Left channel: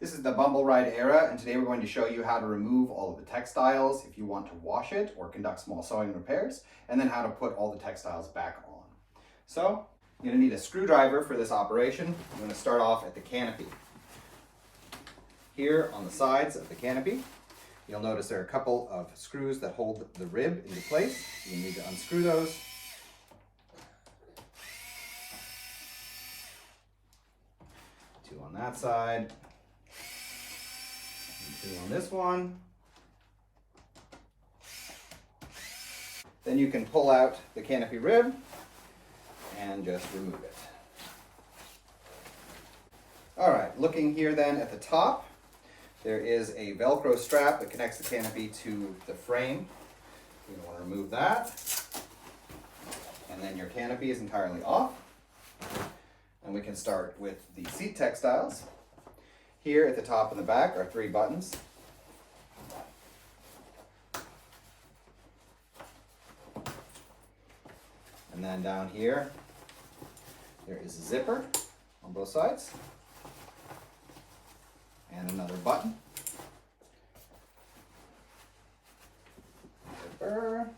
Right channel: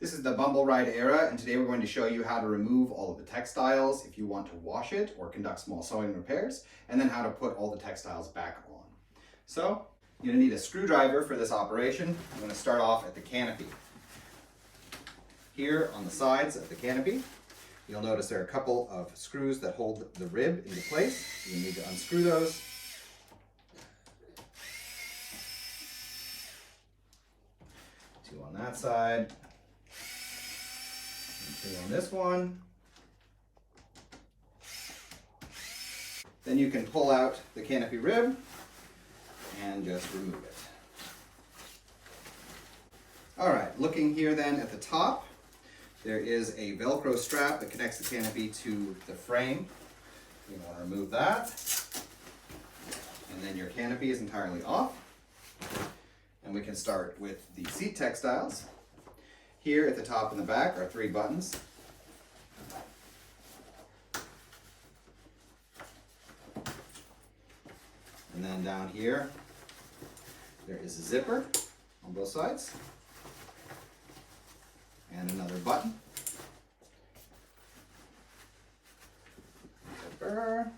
This is the Bumbleride Era, and today we're going to show you how to remove all of the textiles if you want to wash it or conduct small sewing repairs, and then how to put all the textiles back on. So, you're going to need a screwdriver for this operation. I'm going to start off at the canopy. Here on the sides of the canopy, you'll notice there are a couple of screws that hold the rib into place. You need to unscrew those. Two on that side. Two on this one. Then you can pull out the canopy rib and just remove it. All right, looking here then at the top, there is a Velcro strap that connects the canopy to the frame. You want to remove that. And then your canopy is entirely off. And we can start with the seat textiles. Here at the top and the back are 3 buttons. And then down here, there is a zipper on both sides. And another button. Zipper.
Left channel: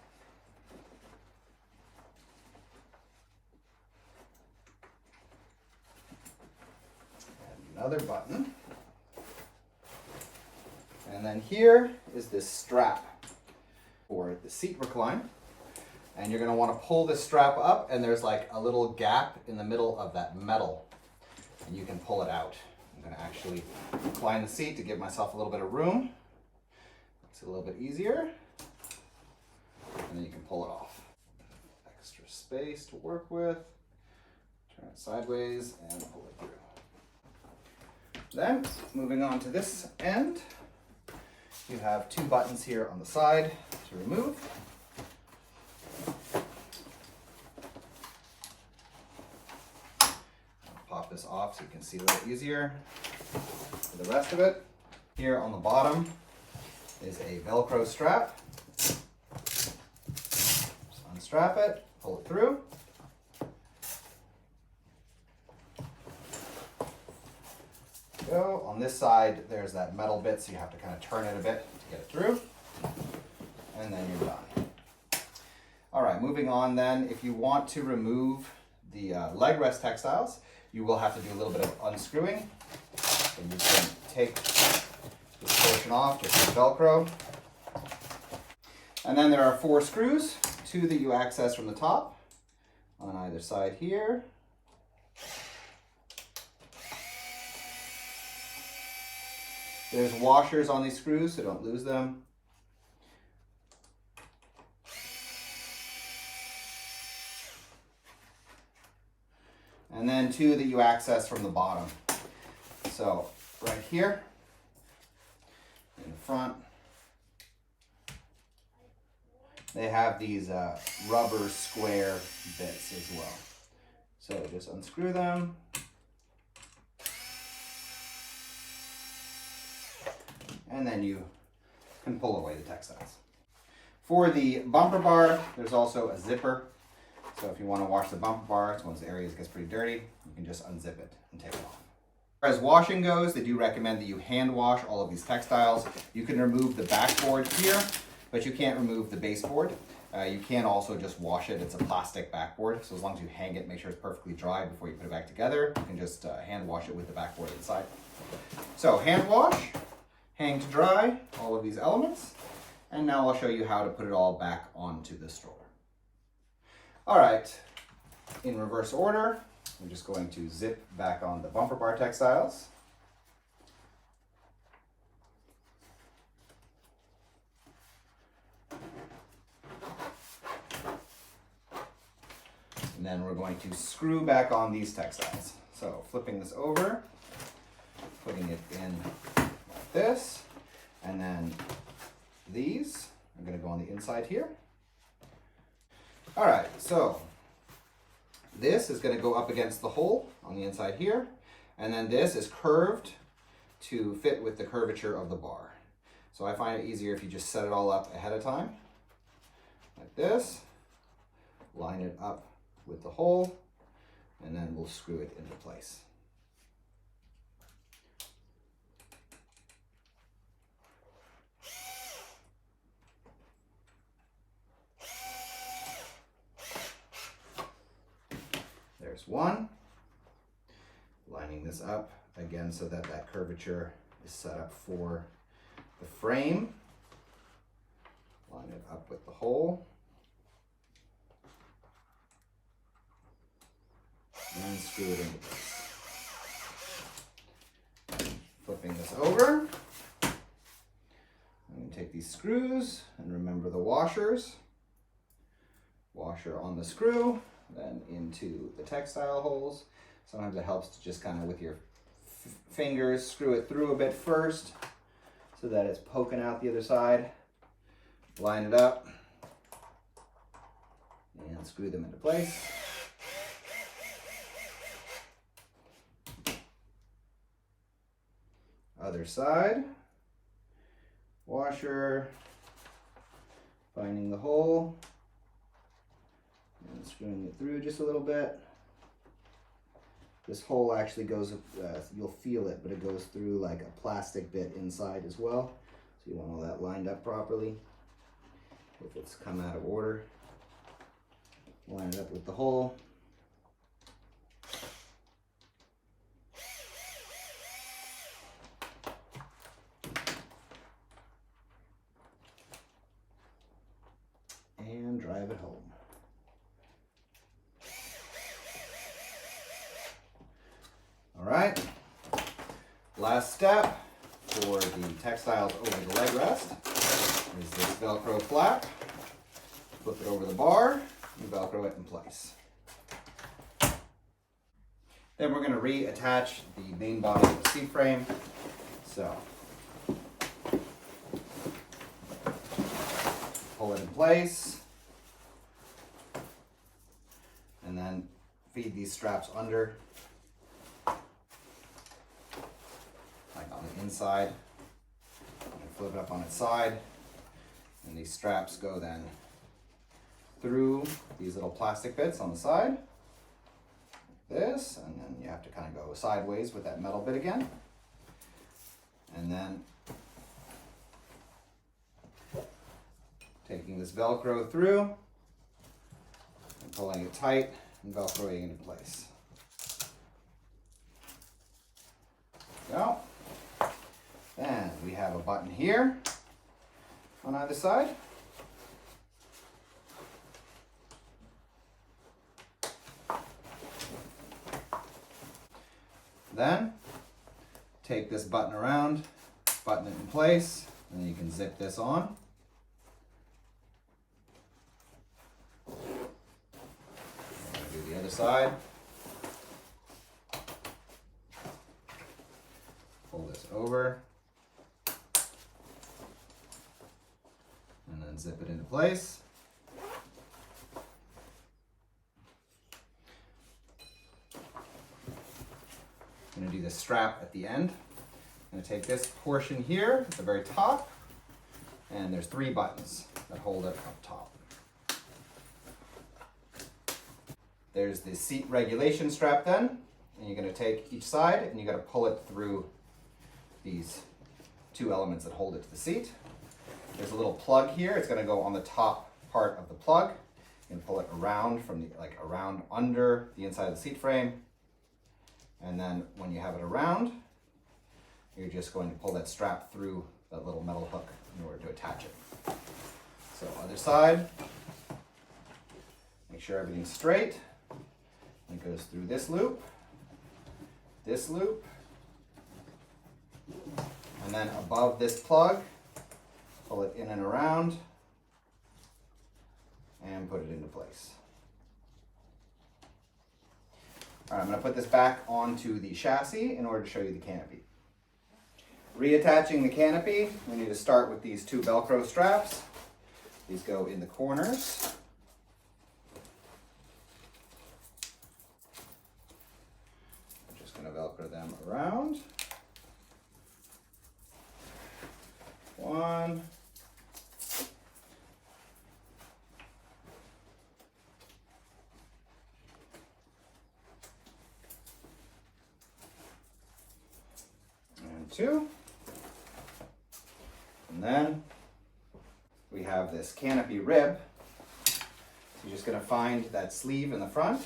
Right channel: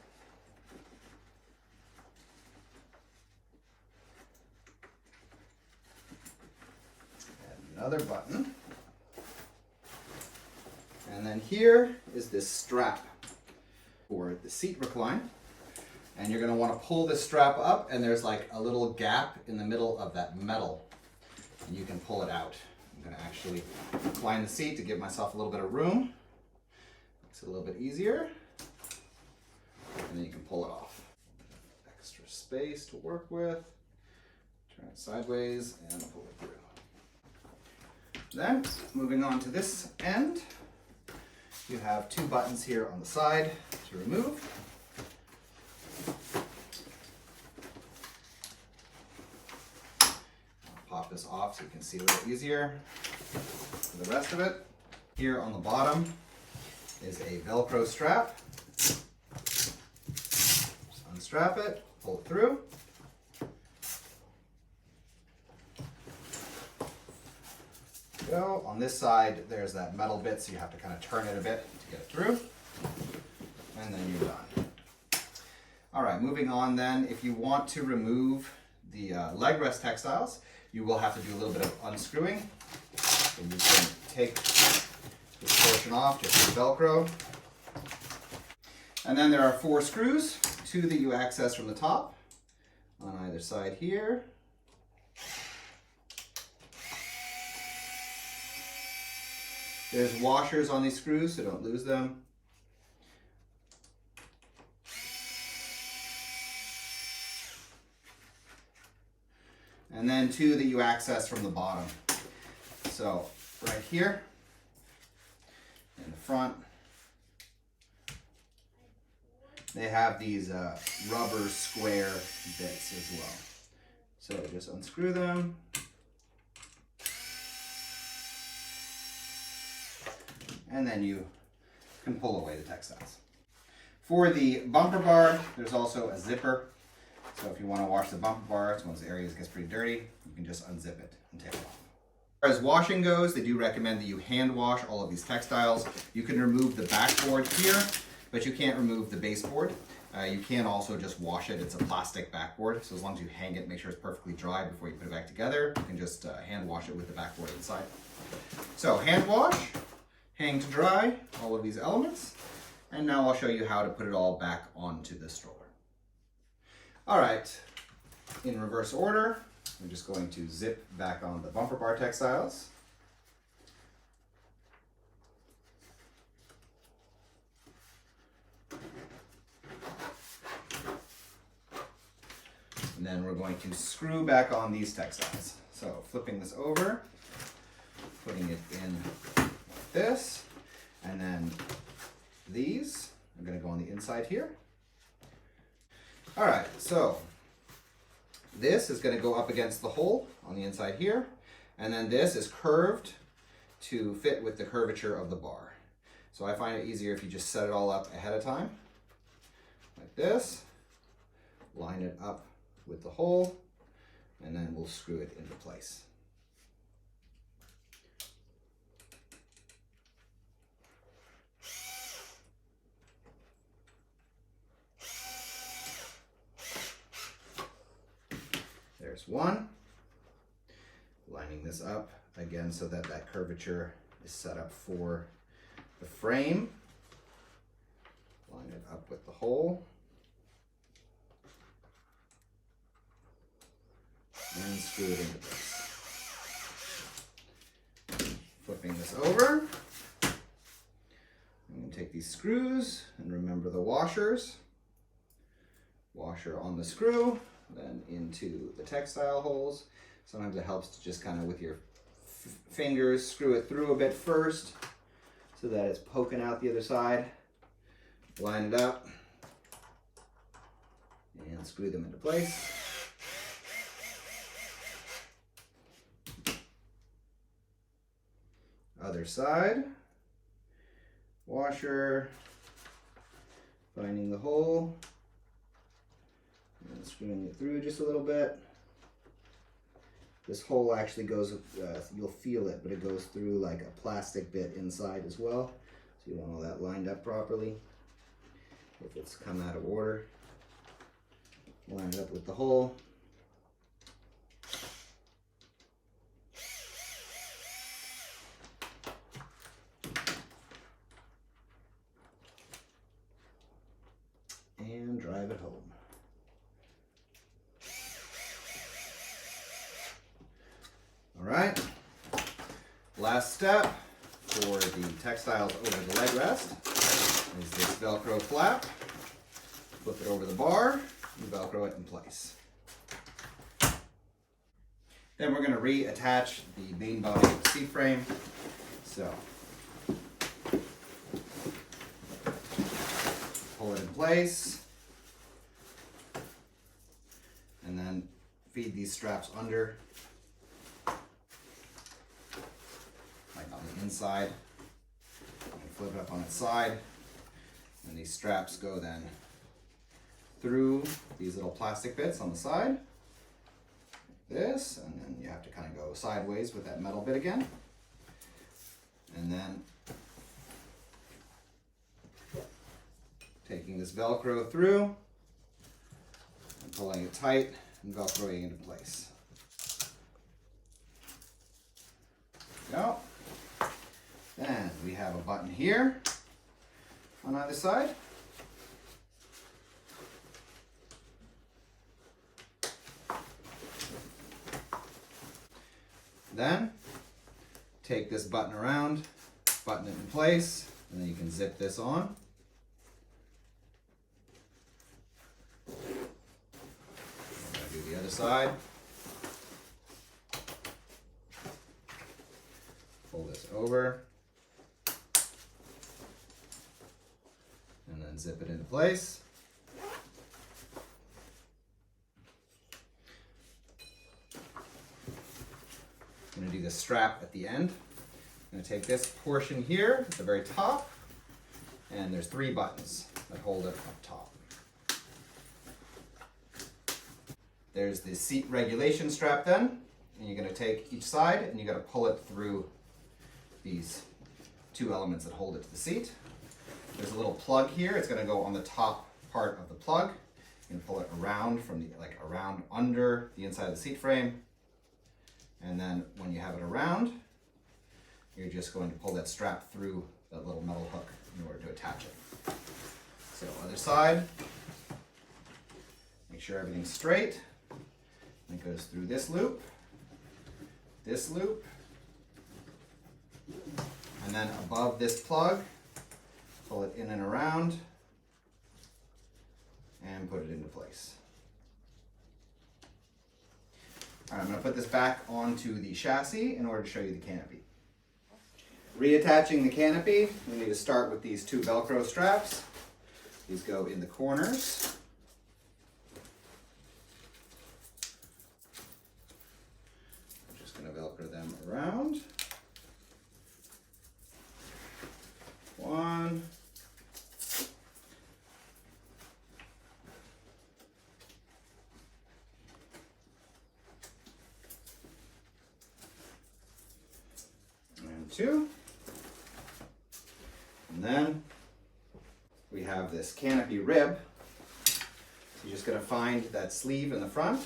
And another button. And then here is this strap for the seat recline. And you're going to want to pull this strap up, and there's like a little gap in the middle of that metal. And you can pull it out. I'm going to actually recline the seat to give myself a little bit of room. Makes it a little bit easier. And then you can pull it off. Extra space to work with. Turn it sideways and pull it through. Then, moving on to this end, you have 2 buttons here on the side to remove. Pop this off so you can see a little easier. For the rest of it, here on the bottom is a Velcro strap. Just unstrap it, pull it through. Go. On this side, there's that metal bit, so you have to kind of turn it a bit to get it through. And then you're done. All right, moving on then, if you want to remove the leg rest textiles, you will have to do a little bit of unscrewing. So you can take this portion off, just with Velcro. And then there are 4 screws, 2 that you access from the top on either side here. There's washers on these screws, so don't lose them. And then 2 that you access from the bottom. So right here in the front, they have these rubber square bits as well. So just unscrew them. And then you can pull away the textiles. For the bumper bar, there's also a zipper. So if you want to wash the bumper bar, it's one of those areas that gets pretty dirty, you can just unzip it and take it off. As far as washing goes, they do recommend that you hand wash all of these textiles. You can remove the backboard here, but you can't remove the baseboard. You can also just wash it. It's a plastic backboard, so as long as you hang it, make sure it's perfectly dry before you put it back together. You can just hand wash it with the backboard inside. So hand wash. Hang to dry all of these elements, and now I'll show you how to put it all back onto the stroller. All right, in reverse order, we're just going to zip back on the bumper bar textiles. And then we're going to screw back on these textiles. So flipping this over, putting it in this, and then these are going to go on the inside here. All right, so this is going to go up against the hole on the inside here, and then this is curved to fit with the curvature of the bar. So I find it easier if you just set it all up ahead of time, like this, line it up with the hole, and then we'll screw it into place. There's one. Lining this up again so that that curvature is set up for the frame. Line it up with the hole. And screw it into place. Flipping this over. I'm going to take these screws and remember the washers. Washer on the screw, then into the textile holes. Sometimes it helps to just kind of with your fingers screw it through a bit first so that it's poking out the other side. Line it up and screw them into place. Other side, washer, finding the hole, and screwing it through just a little bit. This hole actually goes, you'll feel it, but it goes through like a plastic bit inside as well. So you want all that lined up properly. If it's come out of order, line it up with the hole. And drive it home. All right, last step for the textiles over the leg rest is this Velcro flap. Flip it over the bar and Velcro it in place. Then we're going to reattach the main body of the seat frame. So pull it in place and then feed these straps under, like on the inside, and flip it up on its side, and these straps go then through these little plastic bits on the side, like this, and then you have to kind of go sideways with that metal bit again, and then taking this Velcro through and pulling it tight and Velcroing it in place. There we go. Then we have a button here on either side. Then take this button around, button it in place, and then you can zip this on. Do the other side. Pull this over. And then zip it into place. I'm going to do the strap at the end. I'm going to take this portion here at the very top, and there's 3 buttons that hold it up top. There's the seat regulation strap then, and you're going to take each side and you got to pull it through these 2 elements that hold it to the seat. There's a little plug here. It's going to go on the top part of the plug. You can pull it around from the around under the inside of the seat frame. And then when you have it around, you're just going to pull that strap through that little metal hook in order to attach it. So other side, make sure everything's straight. And it goes through this loop, and then above this plug, pull it in and around, and put it into place. All right, I'm going to put this back onto the chassis in order to show you the canopy. Reattaching the canopy, we need to start with these 2 Velcro straps. These go in the corners. I'm just going to Velcro them around. 1. And 2. And then we have this canopy rib. So you're just going to find that sleeve in the front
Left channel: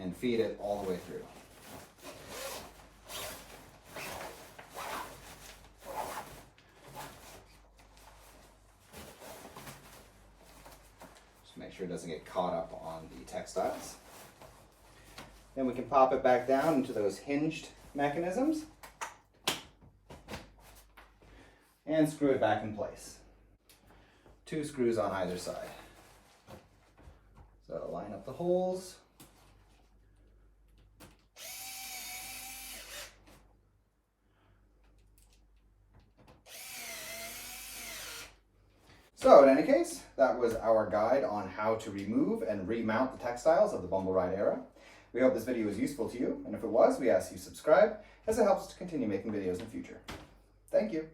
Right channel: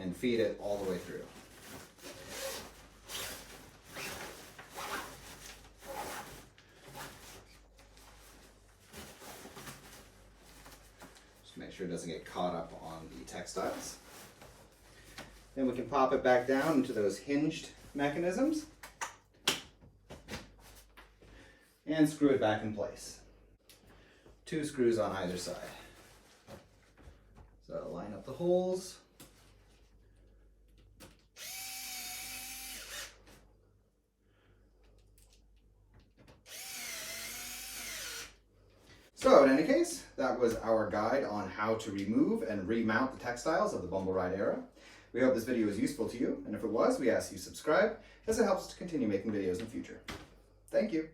and feed it all the way through. Just make sure it doesn't get caught up on the textiles. Then we can pop it back down into those hinged mechanisms and screw it back in place. 2 screws on either side. So line up the holes. So in any case, that was our guide on how to remove and remount the textiles of the Bumbleride Era. We hope this video was useful to you, and if it was, we ask you subscribe, as it helps us to continue making videos in the future. Thank you.